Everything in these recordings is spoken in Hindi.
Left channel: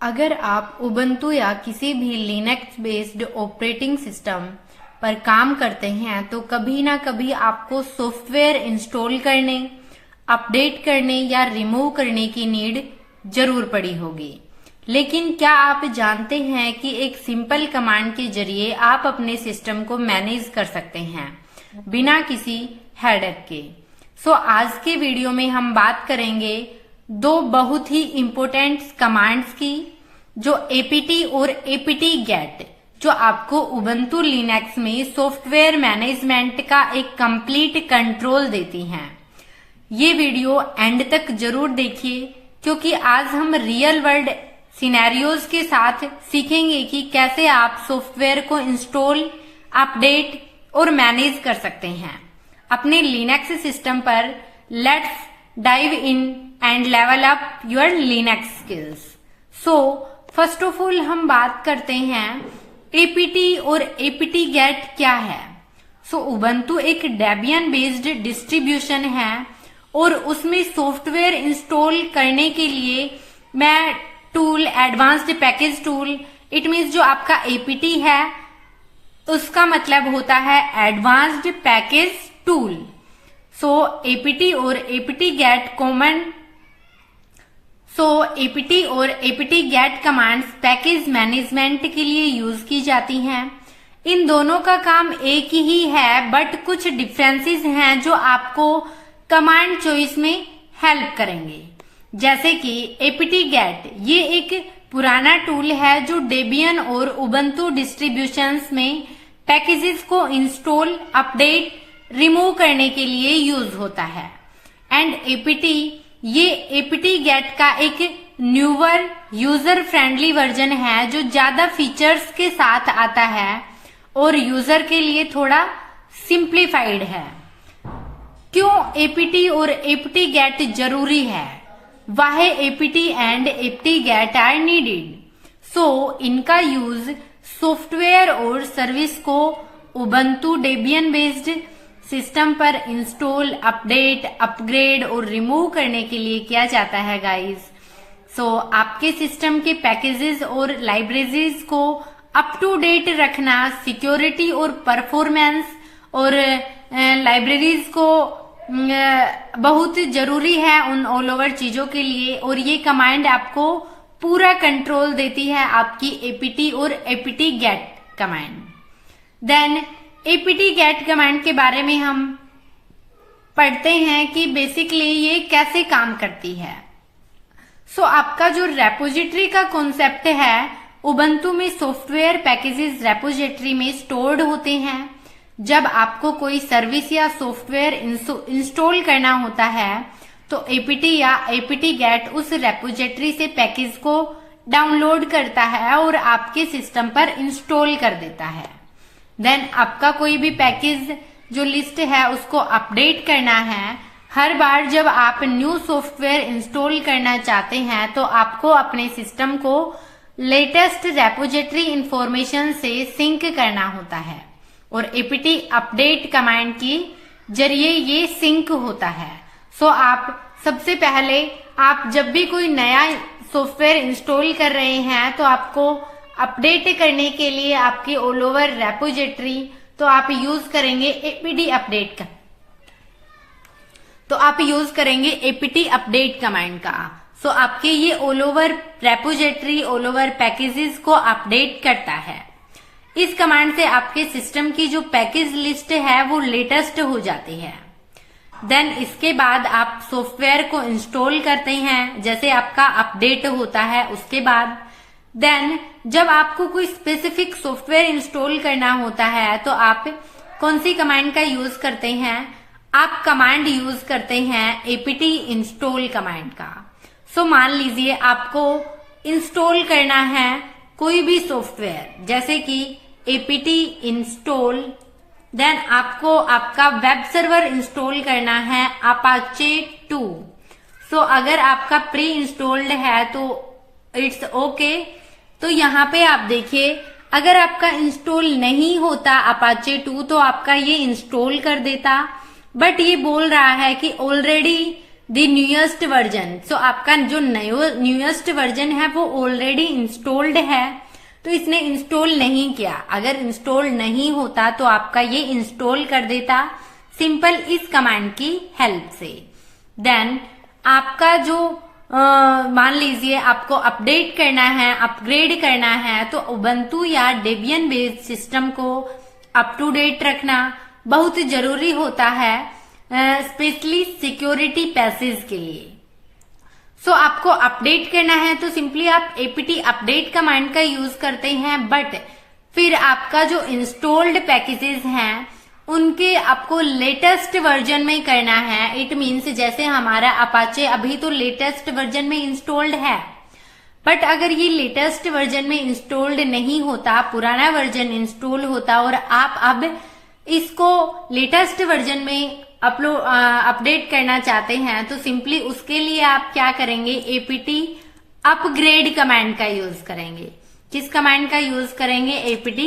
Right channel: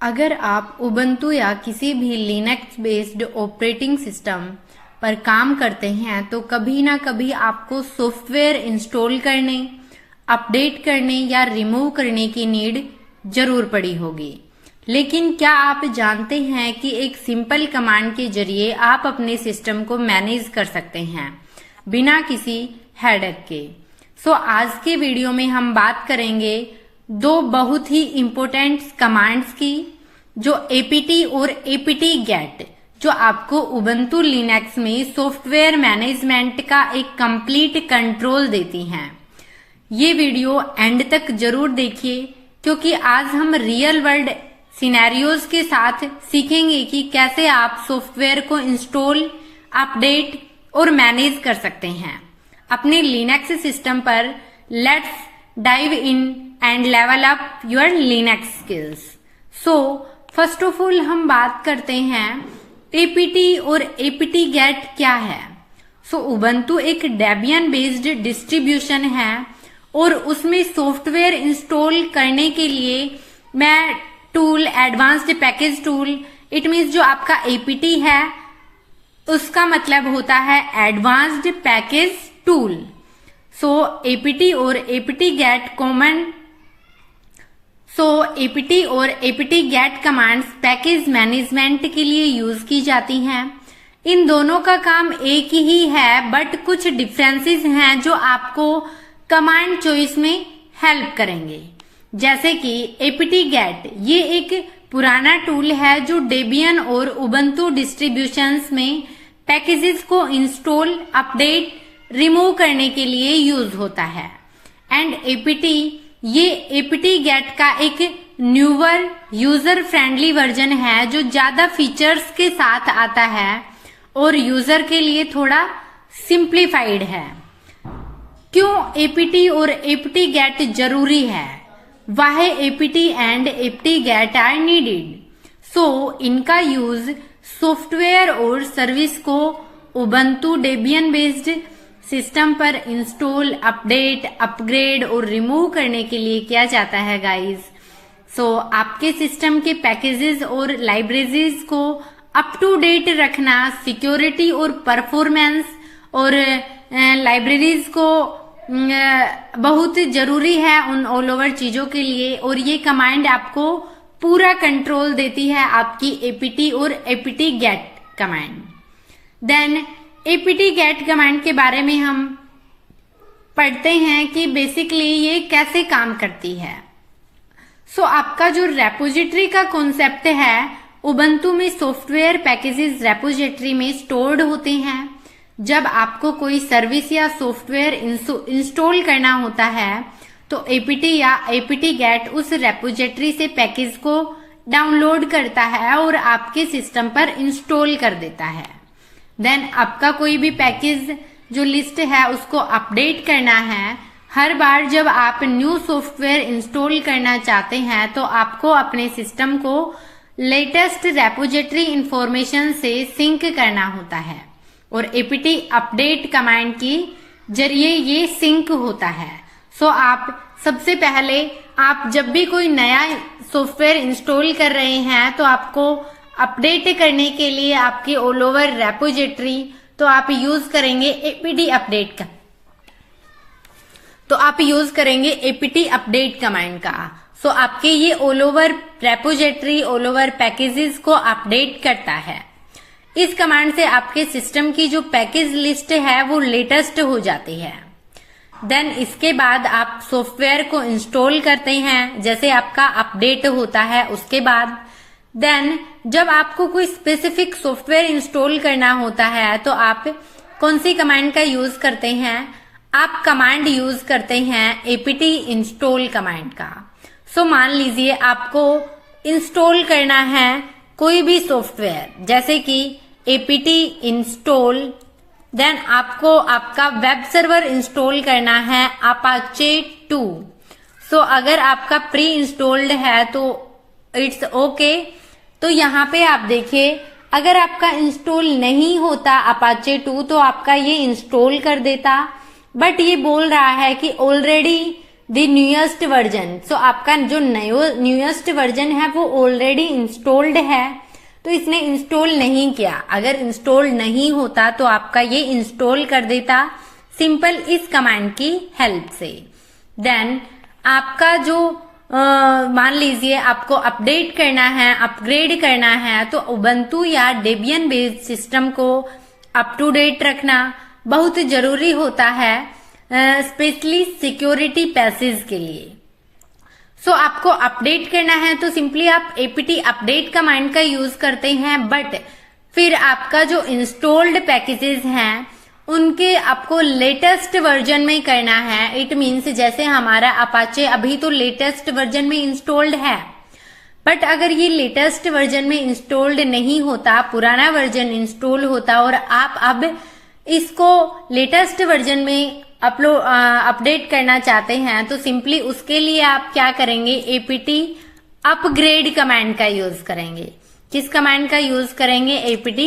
अगर आप उबंटू या किसी भी लिनक्स बेस्ड ऑपरेटिंग सिस्टम पर काम करते हैं तो कभी ना कभी आपको सॉफ्टवेयर इंस्टॉल करने, अपडेट करने या रिमूव करने की नीड जरूर पड़ी होगी। लेकिन क्या आप जानते हैं कि एक सिंपल कमांड के जरिए आप अपने सिस्टम को मैनेज कर सकते हैं बिना किसी हेडेक के। आज के वीडियो में हम बात करेंगे दो बहुत ही इम्पोर्टेंट कमांड्स की जो एपीटी और एपीटी गेट, जो आपको उबंटू लिनक्स में सॉफ्टवेयर मैनेजमेंट का एक कंप्लीट कंट्रोल देती हैं। ये वीडियो एंड तक जरूर देखिए क्योंकि आज हम रियल वर्ल्ड सिनेरियोज के साथ सीखेंगे कि कैसे आप सॉफ्टवेयर को इंस्टॉल, अपडेट और मैनेज कर सकते हैं अपने लिनक्स सिस्टम पर। Let's dive in and level up your Linux skills. First of all हम बात करते हैं एपीटी और एपीटी गेट क्या है। उबंटू एक डेबियन बेस्ड डिस्ट्रीब्यूशन है और उसमें सॉफ्टवेयर इंस्टॉल करने के लिए मैं tool, advanced package tool, it means जो आपका एपीटी है उसका मतलब होता है एडवांस्ड पैकेज टूल। एपीटी और एपीटी गेट कॉमन। एपीटी और APT get commands package management के लिए यूज की जाती हैं। इन दोनों का काम एक ही है बट कुछ डिफरेंसेस हैं जो आपको कमांड चॉइस में हेल्प करेंगे। जैसे कि एपीटी गेट, ये एक पुराना टूल है जो डेबियन और उबंटू डिस्ट्रीब्यूशंस में पैकेजेस को इंस्टॉल, अपडेट, रिमूव करने के लिए यूज होता है। एंड एपीटी, ये एपीटी गेट का एक न्यूअर यूजर फ्रेंडली वर्जन है जो ज्यादा फीचर्स के साथ आता है और यूजर के लिए थोड़ा सिंप्लीफाइड है। क्यों एपीटी और एपीटी गेट जरूरी है? Why APT and APT get are needed? इनका यूज सॉफ्टवेयर और सर्विस को उबंटू डेबियन बेस्ड सिस्टम पर इंस्टॉल, अपडेट, अपग्रेड और रिमूव करने के लिए किया जाता है गाइस। आपके सिस्टम के पैकेजेस और लाइब्रेरीज को अप टू डेट रखना, सिक्योरिटी और परफॉर्मेंस और लाइब्रेरीज को बहुत जरूरी है उन ऑल ओवर चीजों के लिए। और ये कमांड आपको पूरा कंट्रोल देती है आपकी एपीटी और APT get command. Then APT get command के बारे में हम पढ़ते हैं कि बेसिकली ये कैसे काम करती है। आपका जो रेपोजिटरी का कॉन्सेप्ट है, उबंटू में सॉफ्टवेयर पैकेजेस रेपोजिटरी में स्टोर्ड होते हैं। जब आपको कोई सर्विस या सॉफ्टवेयर इंस्टॉल करना होता है तो एपीटी या एपीटी गेट उस रेपोजिटरी से पैकेज को डाउनलोड करता है और आपके सिस्टम पर इंस्टॉल कर देता है। देन आपका कोई भी पैकेज जो लिस्ट है उसको अपडेट करना है। हर बार जब आप न्यू सॉफ्टवेयर इंस्टॉल करना चाहते हैं तो आपको अपने सिस्टम को लेटेस्ट रेपोजिटरी इंफॉर्मेशन से सिंक करना होता है और एपीटी अपडेट कमांड की जरिए ये सिंक होता है। आप सबसे पहले आप जब भी कोई नया सॉफ्टवेयर इंस्टॉल कर रहे हैं तो आपको अपडेट करने के लिए आपकी ऑल ओवर रेपोजिटरी तो आप यूज करेंगे एपीटी अपडेट का, आप यूज करेंगे एपीटी अपडेट कमांड का। आपके ये all over repository, all over packages को अपडेट करता है। इस कमांड से आपके सिस्टम की जो पैकेज लिस्ट है वो लेटेस्ट हो जाती है। देन इसके बाद आप सॉफ्टवेयर को इंस्टॉल करते हैं, जैसे आपका अपडेट होता है उसके बाद। देन जब आपको कोई स्पेसिफिक सॉफ्टवेयर इंस्टॉल करना होता है तो आप कौन सी कमांड का यूज करते हैं? आप कमांड यूज करते हैं एपीटी इंस्टॉल कमांड का। मान लीजिए आपको इंस्टॉल करना है कोई भी सॉफ्टवेयर, जैसे कि एपीटी इंस्टॉल। देन आपको आपका वेब सर्वर इंस्टॉल करना है अपाचे 2। अगर आपका प्री इंस्टॉल्ड है तो इट्स ओके। यहाँ पे आप देखिए, अगर आपका इंस्टॉल नहीं होता अपाचे 2 तो आपका ये इंस्टॉल कर देता, बट ये बोल रहा है कि ऑलरेडी द न्यूएस्ट वर्जन। सो आपका जो न्यूएस्ट वर्जन है वो ऑलरेडी इंस्टॉल्ड है, तो इसने इंस्टॉल नहीं किया। अगर इंस्टॉल नहीं होता तो आपका ये इंस्टॉल कर देता सिंपल इस कमांड की हेल्प से। देन आपका जो मान लीजिए आपको अपडेट करना है, अपग्रेड करना है, तो उबंटू या डेबियन बेस्ड सिस्टम को अप टू डेट रखना बहुत जरूरी होता है, स्पेशली सिक्योरिटी पैसेज के लिए। सो आपको अपडेट करना है तो सिंपली आप apt अपडेट कमांड का यूज करते हैं, बट फिर आपका जो इंस्टॉल्ड पैकेजेस हैं उनके आपको लेटेस्ट वर्जन में करना है। इट मीन्स जैसे हमारा अपाचे अभी तो लेटेस्ट वर्जन में इंस्टॉल्ड है, बट अगर ये लेटेस्ट वर्जन में इंस्टॉल्ड नहीं होता, पुराना वर्जन इंस्टॉल होता और आप अब इसको लेटेस्ट वर्जन में अपडेट करना चाहते हैं, तो सिंपली उसके लिए आप क्या करेंगे, apt अपग्रेड कमांड का यूज करेंगे। किस कमांड का यूज करेंगे, apt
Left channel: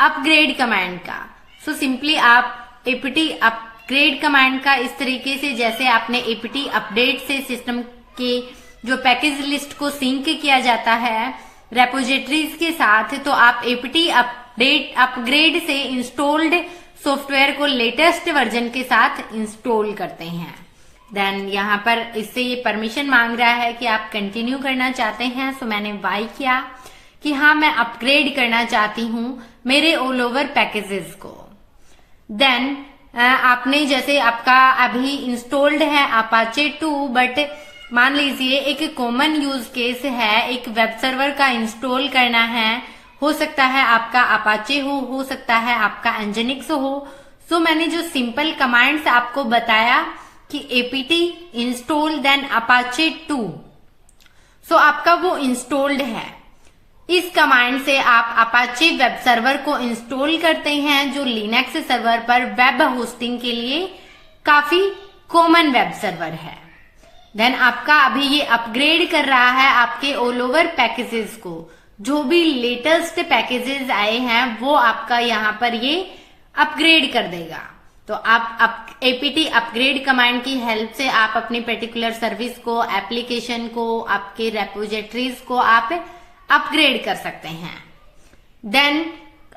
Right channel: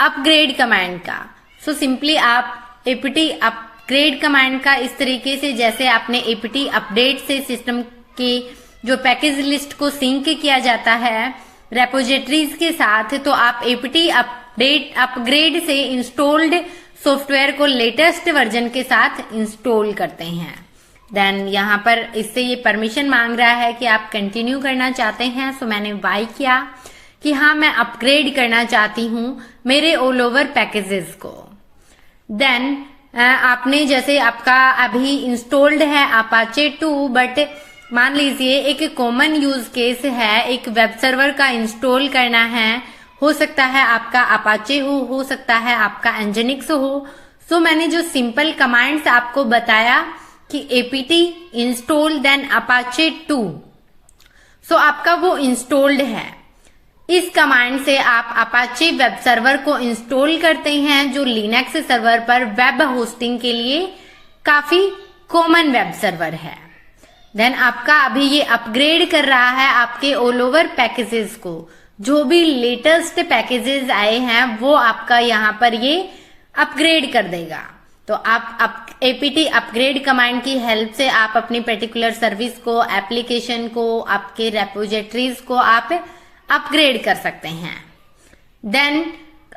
अपग्रेड कमांड का। सो सिंपली आप apt अपग्रेड कमांड का इस तरीके से, जैसे आपने apt अपडेट से सिस्टम के जो पैकेज लिस्ट को सिंक किया जाता है रेपोजिटरीज के साथ, तो आप apt अपडेट अपग्रेड से इंस्टॉल्ड सॉफ्टवेयर को लेटेस्ट वर्जन के साथ इंस्टॉल करते हैं। देन यहाँ पर इससे ये परमिशन मांग रहा है कि आप कंटिन्यू करना चाहते हैं। सो मैंने वाई किया कि हाँ मैं अपग्रेड करना चाहती हूँ मेरे ऑल ओवर पैकेजेस को। देन आपने जैसे आपका अभी इंस्टॉल्ड है अपाचे 2, बट मान लीजिए एक कॉमन यूज केस है, एक वेब सर्वर का इंस्टॉल करना है, हो सकता है आपका अपाचे हो सकता है आपका एंजेनिक्स हो। सो मैंने जो सिंपल कमांड्स आपको बताया कि apt इंस्टॉल देन अपाचे 2, सो आपका वो इंस्टॉल्ड है। इस कमांड से आप अपाचे वेब सर्वर को इंस्टॉल करते हैं, जो लिनक्स सर्वर पर वेब होस्टिंग के लिए काफी कॉमन वेब सर्वर है। देन आपका अभी ये अपग्रेड कर रहा है आपके ऑल ओवर पैकेजेस को, जो भी लेटेस्ट पैकेजेस आए हैं वो आपका यहाँ पर ये अपग्रेड कर देगा। तो आप apt अपग्रेड कमांड की हेल्प से आप अपनी पर्टिकुलर सर्विस को, एप्लीकेशन को, आपके रेपोजिटरीज को आप अपग्रेड कर सकते हैं। देन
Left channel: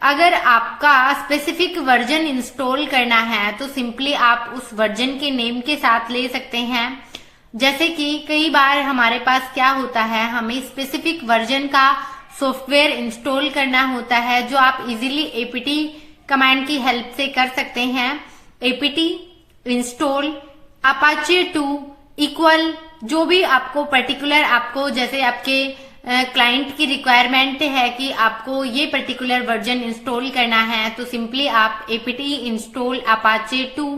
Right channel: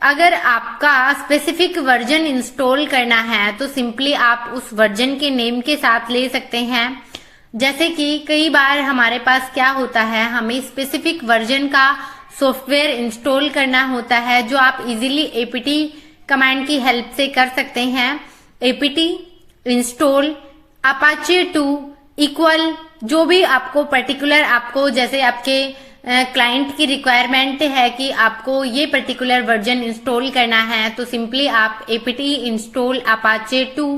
अगर आपका स्पेसिफिक वर्जन इंस्टॉल करना है तो सिंपली आप उस वर्जन के नेम के साथ ले सकते हैं। जैसे कि कई बार हमारे पास क्या होता है, हमें स्पेसिफिक वर्जन का सॉफ्टवेयर इंस्टॉल करना होता है, जो आप इजीली apt कमांड की हेल्प से कर सकते हैं। apt इंस्टॉल अपाचे 2 इक्वल जो भी आपको पर्टिकुलर, आपको जैसे आपके क्लाइंट की रिक्वायरमेंट है कि आपको ये पर्टिकुलर वर्जन इंस्टॉल करना है, तो सिंपली आप apt install Apache 2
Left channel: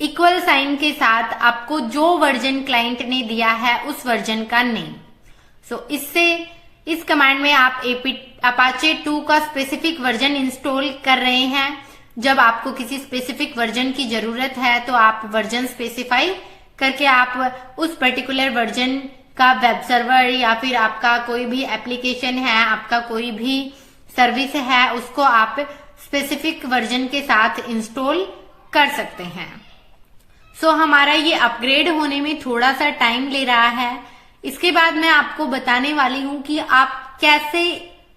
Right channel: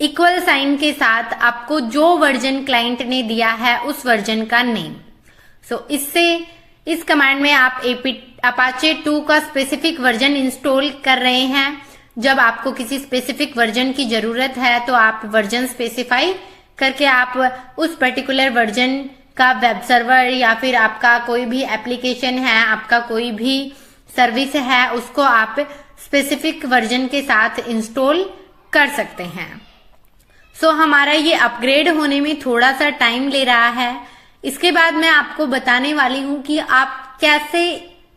equal sign के साथ आपको जो वर्जन क्लाइंट ने दिया है उस वर्जन का नेम। सो इससे इस कमांड में आप अपाचे 2 का स्पेसिफिक वर्जन इंस्टॉल कर रहे हैं। जब आपको किसी स्पेसिफिक वर्जन की जरूरत है तो आप वर्जन स्पेसिफाई करके आप उस पर्टिकुलर वर्जन का वेब सर्वर या फिर आपका कोई भी एप्लीकेशन है, आपका कोई भी सर्विस है, उसको आप स्पेसिफिक वर्जन के साथ इंस्टॉल कर सकते हैं। सो हमारा ये अपग्रेड होने में थोड़ा सा टाइम ले रहा है। इसके बाद मैं आपको बताने वाली हूं कि आप कैसे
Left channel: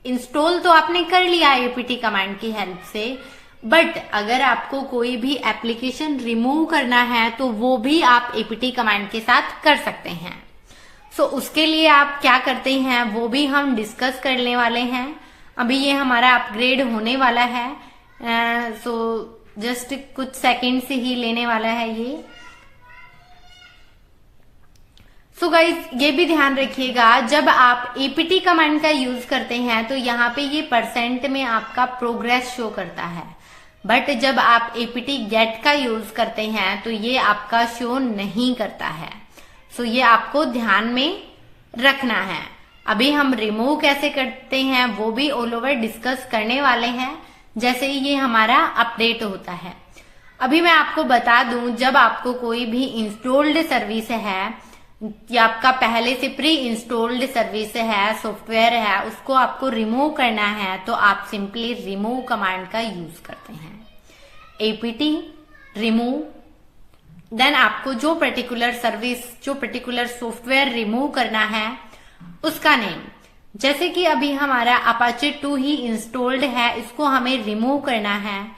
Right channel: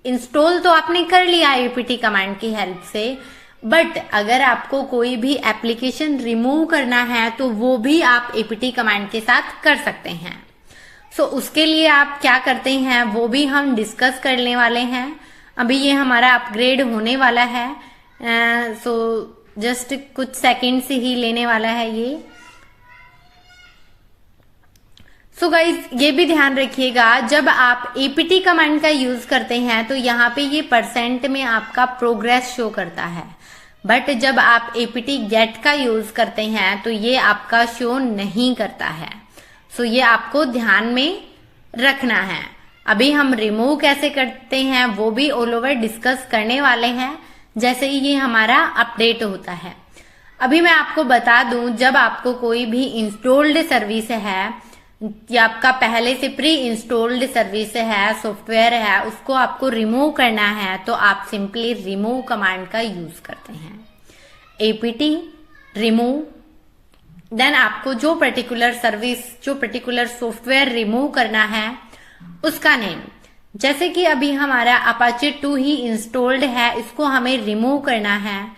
इंस्टॉल तो आपने कर लिया apt कमांड की हेल्प से, बट अगर आपको कोई भी एप्लीकेशन रिमूव करना है तो वो भी आप apt कमांड के साथ कर सकते हैं। सो उसके लिए आप क्या करते हैं वो भी हम डिस्कस करने वाले हैं। अभी ये हमारा अपग्रेड होने वाला है, सो जस्ट कुछ सेकंड से ही लेने वाला है ये। सो गाइज ये भी ध्यान रखिएगा, जब आप apt कमांड का यूज करते हैं तो यहाँ पे ये परसेंट में आपका प्रोग्रेस शो करता है, बट जब आप apt गेट का यूज करते हैं तो ये आपका शो नहीं करता है। सो ये आपको ध्यान में रखना है। अभी हम रिमूव कैसे करते हैं वो भी ऑल ओवर डिस्कस करने वाले हैं, जैसे ही ये हमारा अपडेट होता है। अभी मैं आपको बता दूं, जब आपको कोई भी इंस्टॉल्ड सर्विस है या आपका पहले से प्री इंस्टॉल्ड सर्विस है, सॉफ्टवेयर है, उसको आपको रिमूव करना है तो आप सिंपली रिमूव कमांड का यूज करते हैं। apt रिमूव देन आपको जो पर्टिकुलर सर्विस, जो पर्टिकुलर सॉफ्टवेयर रिमूव करना है उसका नेम, जैसे कि अभी हमारा अपाचे 2 ही इंस्टॉल्ड है, इसको हमें रिमूव करना है,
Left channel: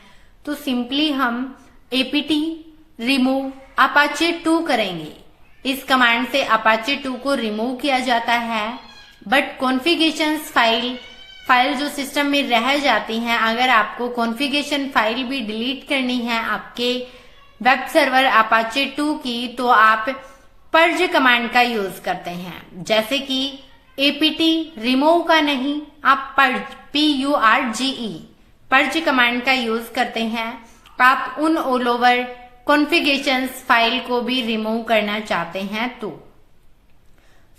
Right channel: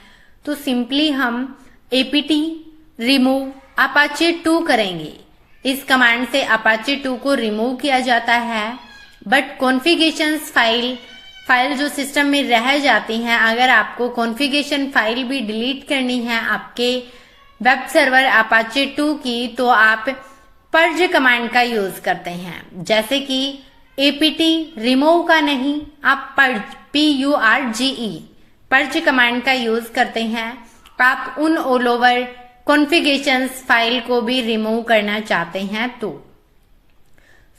तो सिंपली हम apt रिमूव अपाचे 2 करेंगे। इस कमांड से अपाचे 2 को रिमूव किया जाता है, बट कॉन्फ़िगरेशंस फाइल जो सिस्टम में रह जाती हैं, अगर आपको कॉन्फ़िगरेशन फाइल भी डिलीट करनी है आपके वेब सर्वर अपाचे 2 की, तो आप पर्ज कमांड का यूज करते हैं। जैसे कि apt रिमूव का नहीं, आप PURGE पर्ज कमांड का यूज करते हैं। आप उन ऑल ओवर कॉन्फ़िगरेशंस फाइल को भी रिमूव करना चाहते हैं तो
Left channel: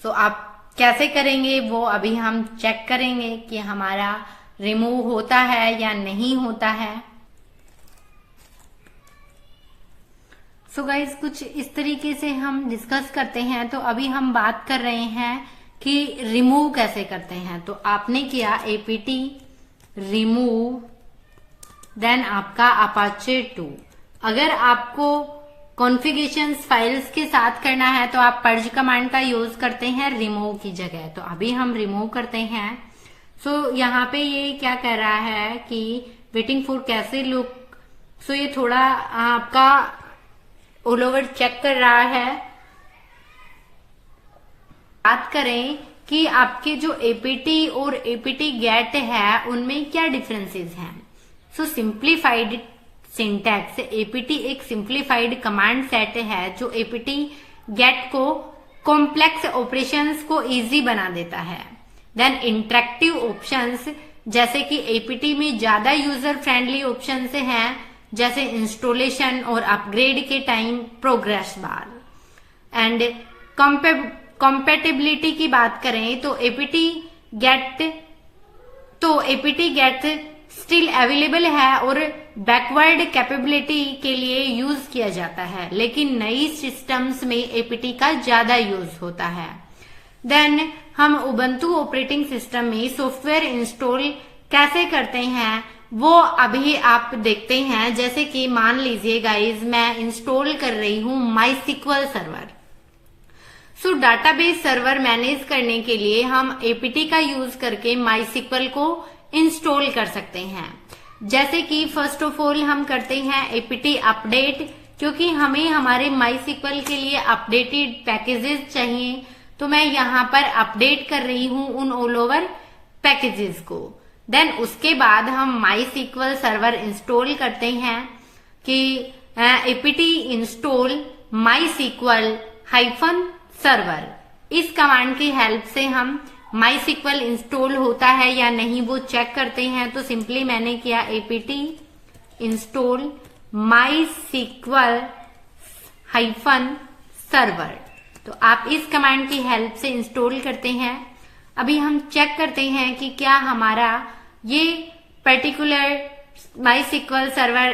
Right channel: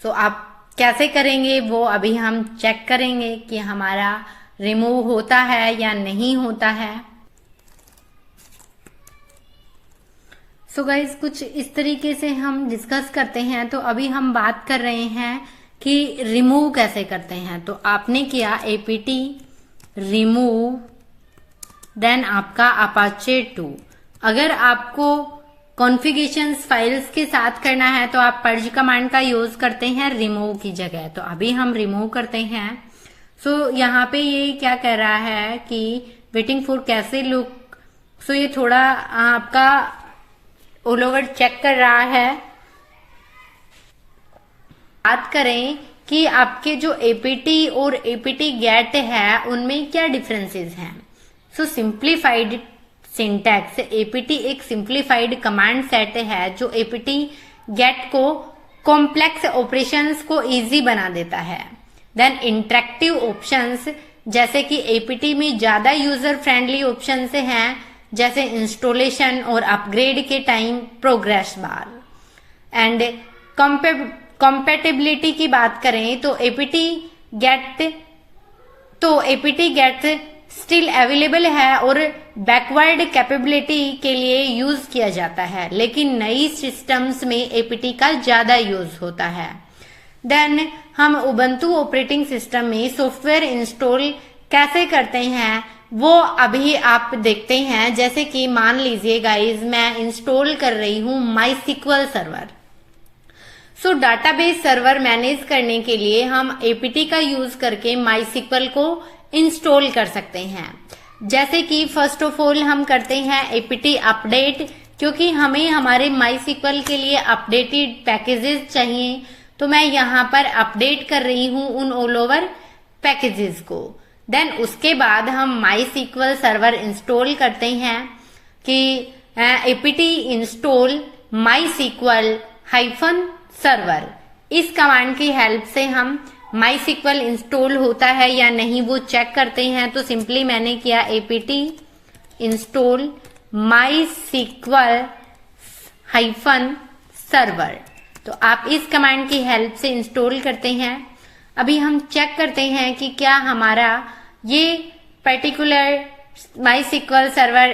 आप कैसे करेंगे वो अभी हम चेक करेंगे कि हमारा रिमूव होता है या नहीं होता है। सो गाइज, कुछ इस तरीके से हम डिस्कस करते हैं। तो अभी हम बात कर रहे हैं कि रिमूव कैसे करते हैं। तो आपने किया apt रिमूव, देन आपका अपाचे 2। अगर आपको कॉन्फ़िगरेशंस फाइल्स के साथ करना है तो आप पर्ज कमांड का यूज करते हैं रिमूव की जगह। तो अभी हम रिमूव करते हैं। सो यहाँ पे ये क्या कह रहा है कि वेटिंग फॉर कैसे लुक। सो ये थोड़ा आपका ऑल ओवर चेक कर रहा है। बात करें कि आपके जो apt और apt get है उनमें क्या डिफरेंसेस हैं। सो सिंप्लीफाइड सिंटैक्स, apt एक सिंप्लीफाइड कमांड सेट है जो apt get को कॉम्प्लेक्स ऑपरेशंस को इजी बना देता है। देन इंटरेक्टिव ऑप्शंस, जैसे कि apt में ज्यादा यूजर फ्रेंडली ऑप्शंस हैं, जैसे इंस्टॉलेशन और अपग्रेड के time progress bar. And compatibility की बात करें तो apt get स्टिल अवेलेबल है और बैकवर्ड कैपेबिलिटी के लिए यूज किया जाता है, लेकिन नई सिस्टम्स में apt का ज्यादा यूज होता है। देन हम उबंटू ऑपरेटिंग सिस्टम में सॉफ्टवेयर इंस्टॉल कैसे करते हैं वो अभी आप देखते हैं। जैसे कि मान लीजिए गाइज, मैं इंस्टॉल कर रही हूं MySQL सर्वर। सो डाटाबेस सर्वर मैनेज करने के लिए हम apt का यूज करके MySQL को इंस्टॉल कर सकते हैं। जैसे कि फर्स्ट ऑफ ऑल हम करते हैं apt अपडेट, क्योंकि हमें हमारे MySQL के लिए अपडेटेड पैकेजेस चाहिए। तो मैं यहाँ पर अपडेट कर रही हूँ उन ऑल ओवर पैकेजेस को। देन उसके बाद हम MySQL सर्वर इंस्टॉल करते हैं कि apt इंस्टॉल MySQL -सर्वर। इस कमांड की हेल्प से हम MySQL इंस्टॉल होता है या नहीं वो चेक करते हैं। तो सिंपली मैंने किया apt इंस्टॉल MySQL -सर्वर। तो आप इस कमांड की हेल्प से इंस्टॉल करते हैं। अभी हम चेक करते हैं कि क्या हमारा ये पर्टिकुलर MySQL सर्वर